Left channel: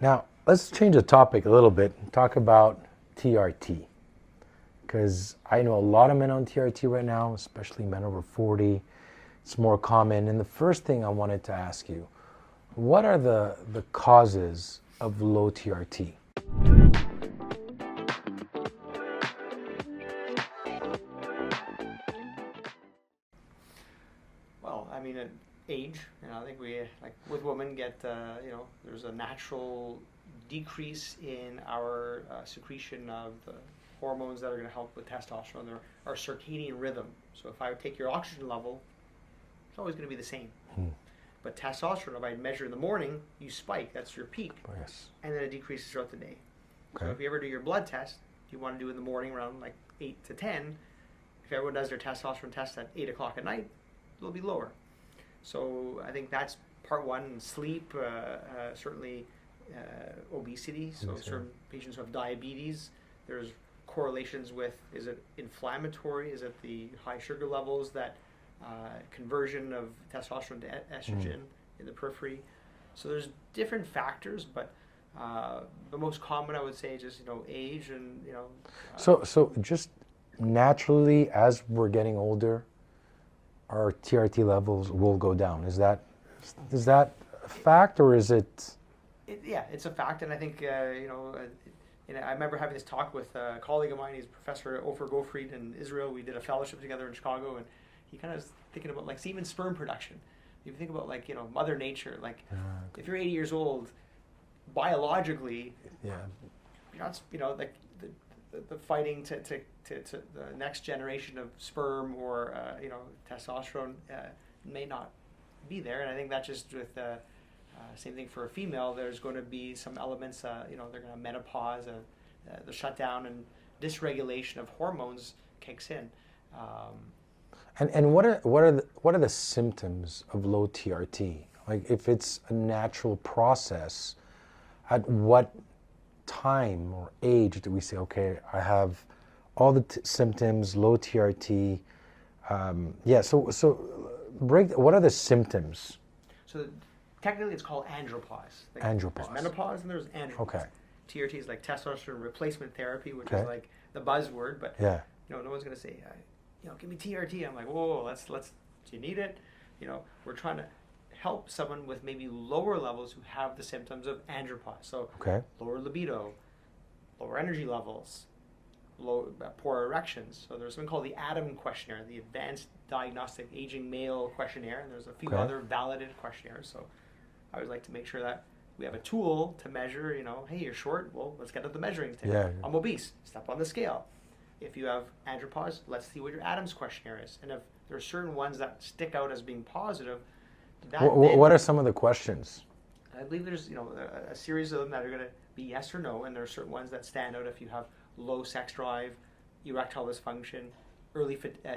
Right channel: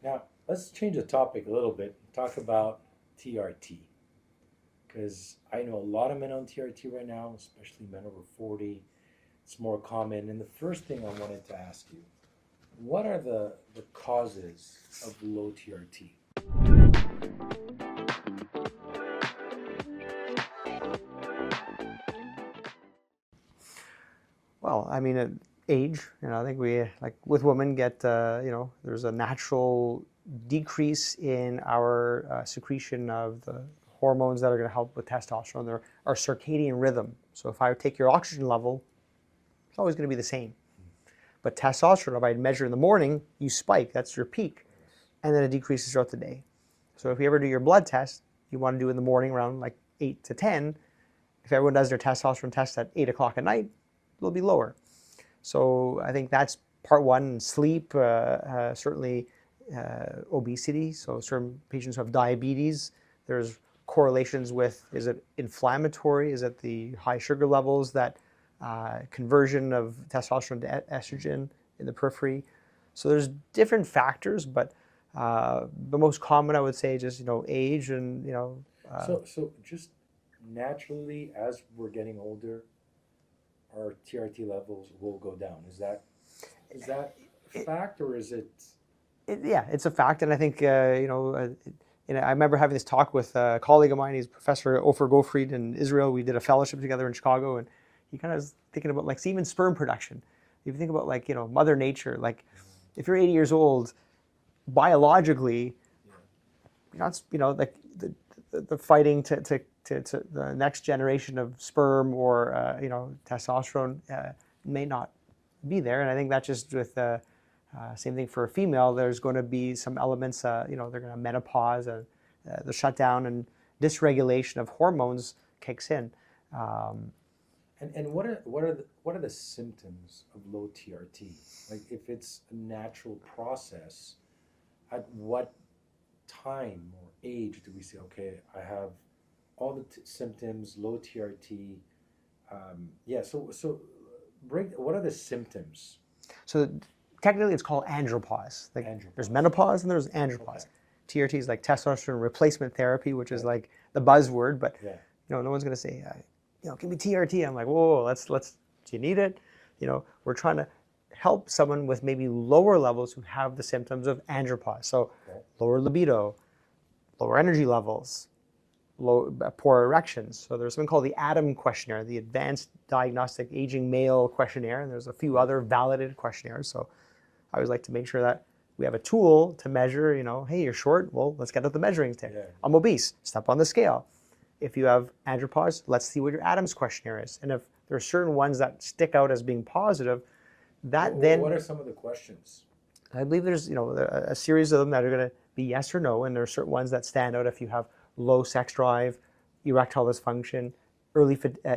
Now, let's change the topic a little bit and talk about TRT. Because I know a lot of men on TRT right now, especially men over 40. It's more common. And the first thing I wanted to ask you, what are the causes of low TRT? Well, I mean, age. I think we, like with women, get there's a natural decrease in our secretion of the hormones that are going to help with testosterone. They're our circadian rhythm. So if I take your oxygen level, it's always going to be the same. But testosterone, if I measure in the morning, you spike. That's your peak, Yes. and then it decreases throughout the day. Okay. So if you ever do your blood test, you want to do it in the morning around like 8 to 10. If everyone does their testosterone test at 8 o'clock at night, it'll be lower. So I think that's part one. Sleep, certainly obesity. So certain patients who have diabetes, there's correlations with, is it inflammatory? Is it the high sugar levels, that conversion of testosterone to estrogen in the periphery? So there's different factors, but the most common, I would say, just age and So just naturally, as we're getting older, our TRT levels will go down. Is that a fact, or is it? Yeah, it's a fact, and I think I remember having this talk with a colleague of mine. He's Professor Ofer Gottfried in Israel. We did a fellowship together in Chicago, and he kind of was thinking about like even sperm production. If you think about like Mother Nature, like if you're 80 years old, biologically, Yeah. you're not like the fighting to the next generation of sperm or testosterone may not be there, and I think that's just with same thing for a female. There's going to be some elements, they're going to have menopause, the shutdown and dysregulation of hormones kicks in. And what are the symptoms of low TRT? Like if it's a natural process, at what time or age do we say, okay, I have all the symptoms, low TRT? So what are the symptoms? So technically it's called andropause. Like Andropause. There's menopause and there's andropause. Okay. TRT is like testosterone replacement therapy, which is like the buzzword, but Yeah. no one's going to say, give me TRT. I'm like, whoa, let's, do you need it? We're trying to help someone with maybe lower levels who have the symptoms of andropause. So lower libido, lower energy levels, poor erections. So there's something called the ADAM questionnaire, the Advanced Diagnostic Aging Male Questionnaire, and there's a few other validated questionnaires. So I always like to make sure that we have a tool to measure, hey, you're short, well, let's get out the measuring stick. Yeah. I'm obese, step on the scale. If you have andropause, let's see what your ADAMS questionnaire is. And if there are certain ones that stick out as being positive, what are some of the questions? I believe there's a series of them that are going to be yes or no, and there are certain ones that stand out if you have low sex drive, erectile dysfunction,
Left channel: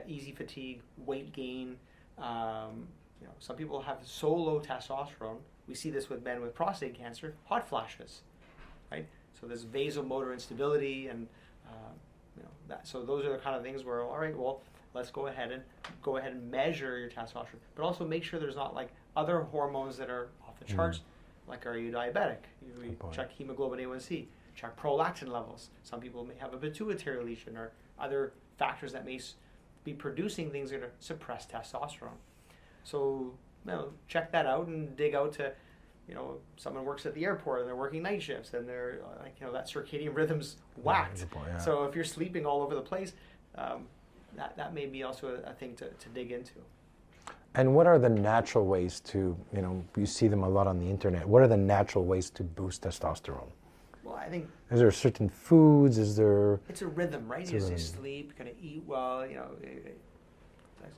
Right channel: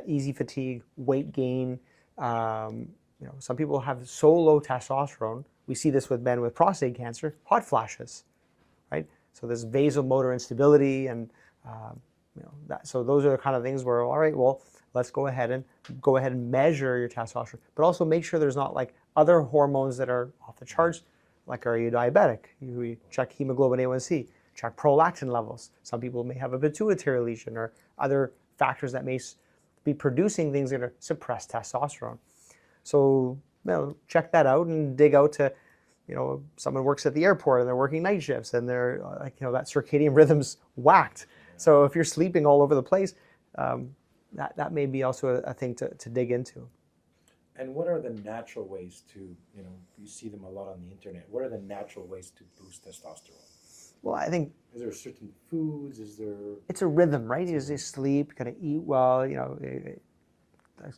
easy fatigue, weight gain. Some people have so low testosterone. We see this with men with prostate cancer, hot flashes, right? So there's vasomotor instability, and so those are the kind of things where, all right, well, let's go ahead and measure your testosterone, but also make sure there's not like other hormones that are off the charts. Like, are you diabetic? We check hemoglobin A1C, check prolactin levels. Some people may have a pituitary lesion or other factors that may be producing things that are suppress testosterone. So check that out and dig out to, someone works at the airport and they're working night shifts and they're like, that circadian rhythm's whacked. Yeah. So if you're sleeping all over the place, that may be also a thing to dig into. And what are the natural ways to, you see them a lot on the internet, what are the natural ways to boost testosterone? Well, I think... Is there certain foods? Is there... It's a rhythm, right? You sleep, you got to eat well,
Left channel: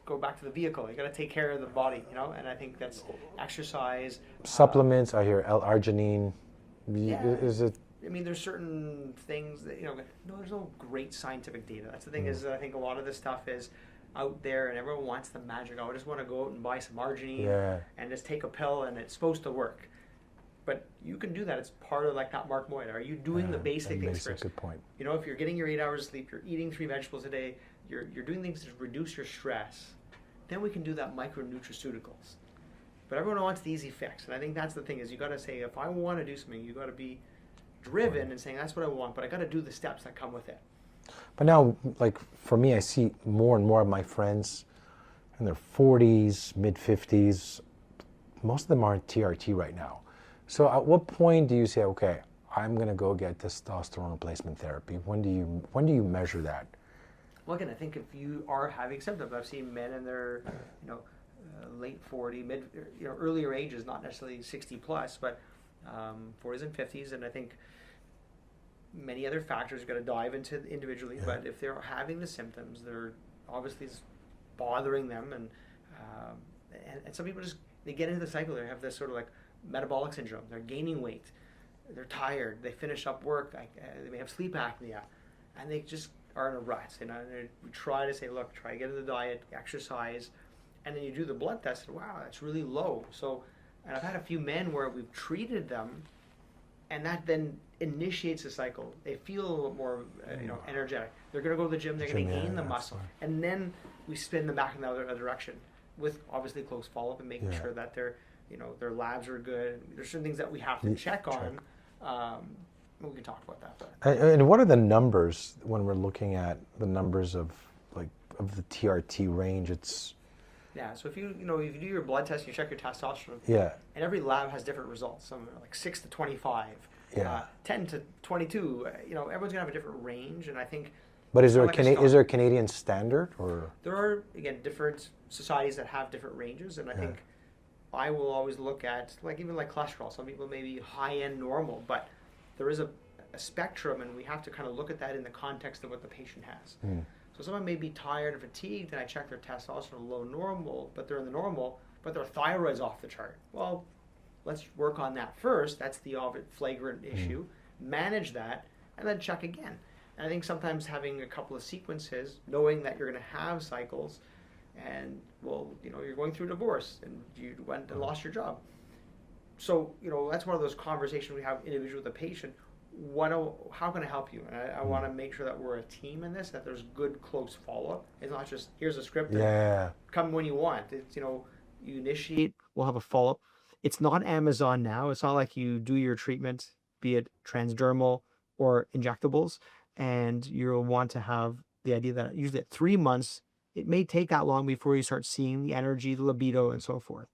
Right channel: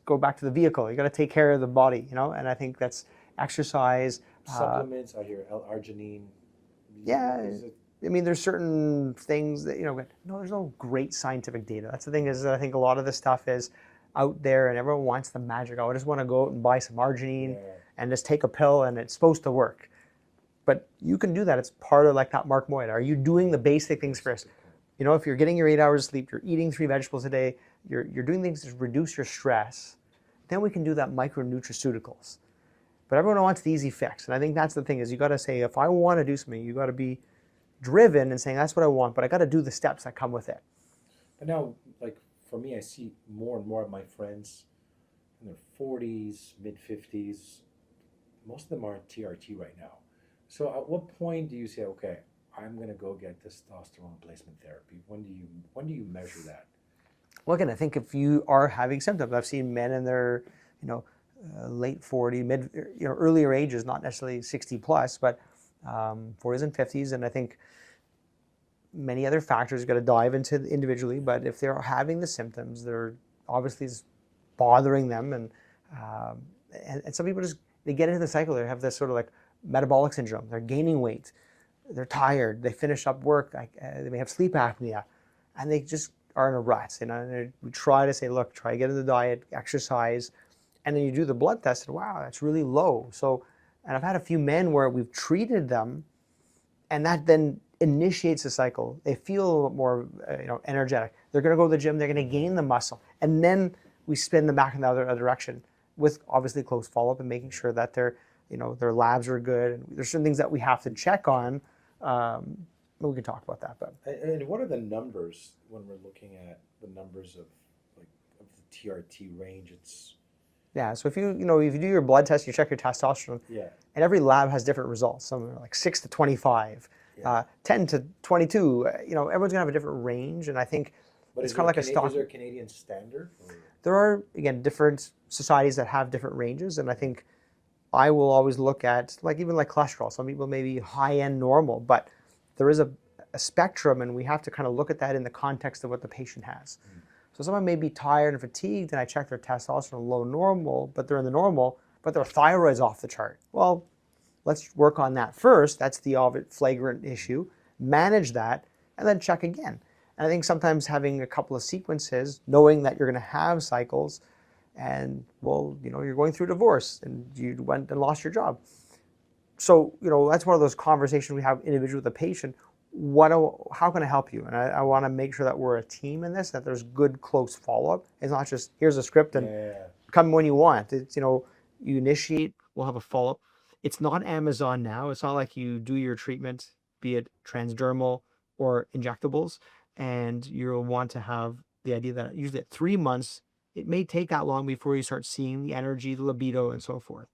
go back to the vehicle. You got to take care of the body, and I think that's exercise. Supplements, I hear L-arginine. Yeah. Is it... I mean, there's certain things that, there's no great scientific data. That's the thing is, I think a lot of this stuff is out there and everyone wants the magic. I just want to go out and buy some arginine and just take a pill and it's supposed to work. But you can do that. It's part of like that Mark Moyd. Are you doing the basic things first? Good point. If you're getting your 8 hours of sleep, you're eating 3 vegetables a day, you're doing things to reduce your stress, then we can do that micronutraceuticals. But everyone wants the easy fix. And I think that's the thing is you got to say, if I want to do something, you got to be driven and saying, that's what I want, but I got to do the steps that come with it. But now, like for me, I see more and more of my friends in their 40s, mid 50s. Most of them are on TRT right now. So at what point do you say, okay, I'm going to go get testosterone replacement therapy? When do you measure that? Well, again, I think if you are having symptoms, I've seen men in their, late 40s, earlier ages, not necessarily 60 plus, but 40s and 50s. And I think many other factors you got to dive into individually. Yeah. But if they're having the symptoms, they're obviously bothering them, and some people just, they get into the cycle. They have this sort of like metabolic syndrome. They're gaining weight. They're tired. They finish up work. They may have sleep apnea, and they just are in a rut. We try to say, look, try to get in the diet, exercise, and then you do the blood test, and wow, that's really low. So, and I've had a few men where we've treated them, and that then initiates the cycle. They feel more, energetic. They're going to go to the gym. They're going to gain the muscle, and then we spin them back in the other direction with obviously close follow-up and making sure that their labs are good. And there's certain things that we have to check on. We can talk about that. But. And what are the numbers when we're looking at the numbers of the TRT range? So if you do your blood test, you check your testosterone. Yeah. And every lab has different results. Some are like 6 to 25, 10 to 22. Everyone's gonna have a different range, and I think. But is there a Canadian standard, or? There are, again, different societies that have different ranges, and I think I will always look at even cholesterol. Some people may be high end normal, but there is a spectrum, and we have to kind of look at that in the context of what the patient has. So someone may be tired and fatigued, and I check their testosterone low normal, but they're in the normal, but their thyroid's off the chart. Well, let's work on that first. That's the flagrant issue. Manage that, and then check again. And I think sometimes having a couple of sequences, knowing that you're going to have cycles, and you're going through divorce, and you went and lost your job. So that's one of those conversations we have individually with the patient. How can I help you? And I want to make sure that we're a team in this, that there's good, close follow-up. It's not just, here's a script and come when you want. It's, you initiate, we'll have a follow-up. It's not Amazon now. It's not like you do your treatment, be it transdermal or injectables, and you'll want to have the idea that usually at 3 months, it may take that long before you start seeing the energy, the libido, and so forth.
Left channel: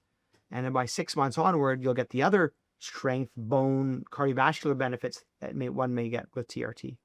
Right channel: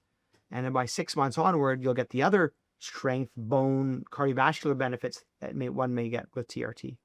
And then by 6 months onward, you'll get the other strength, bone, cardiovascular benefits that one may get with TRT.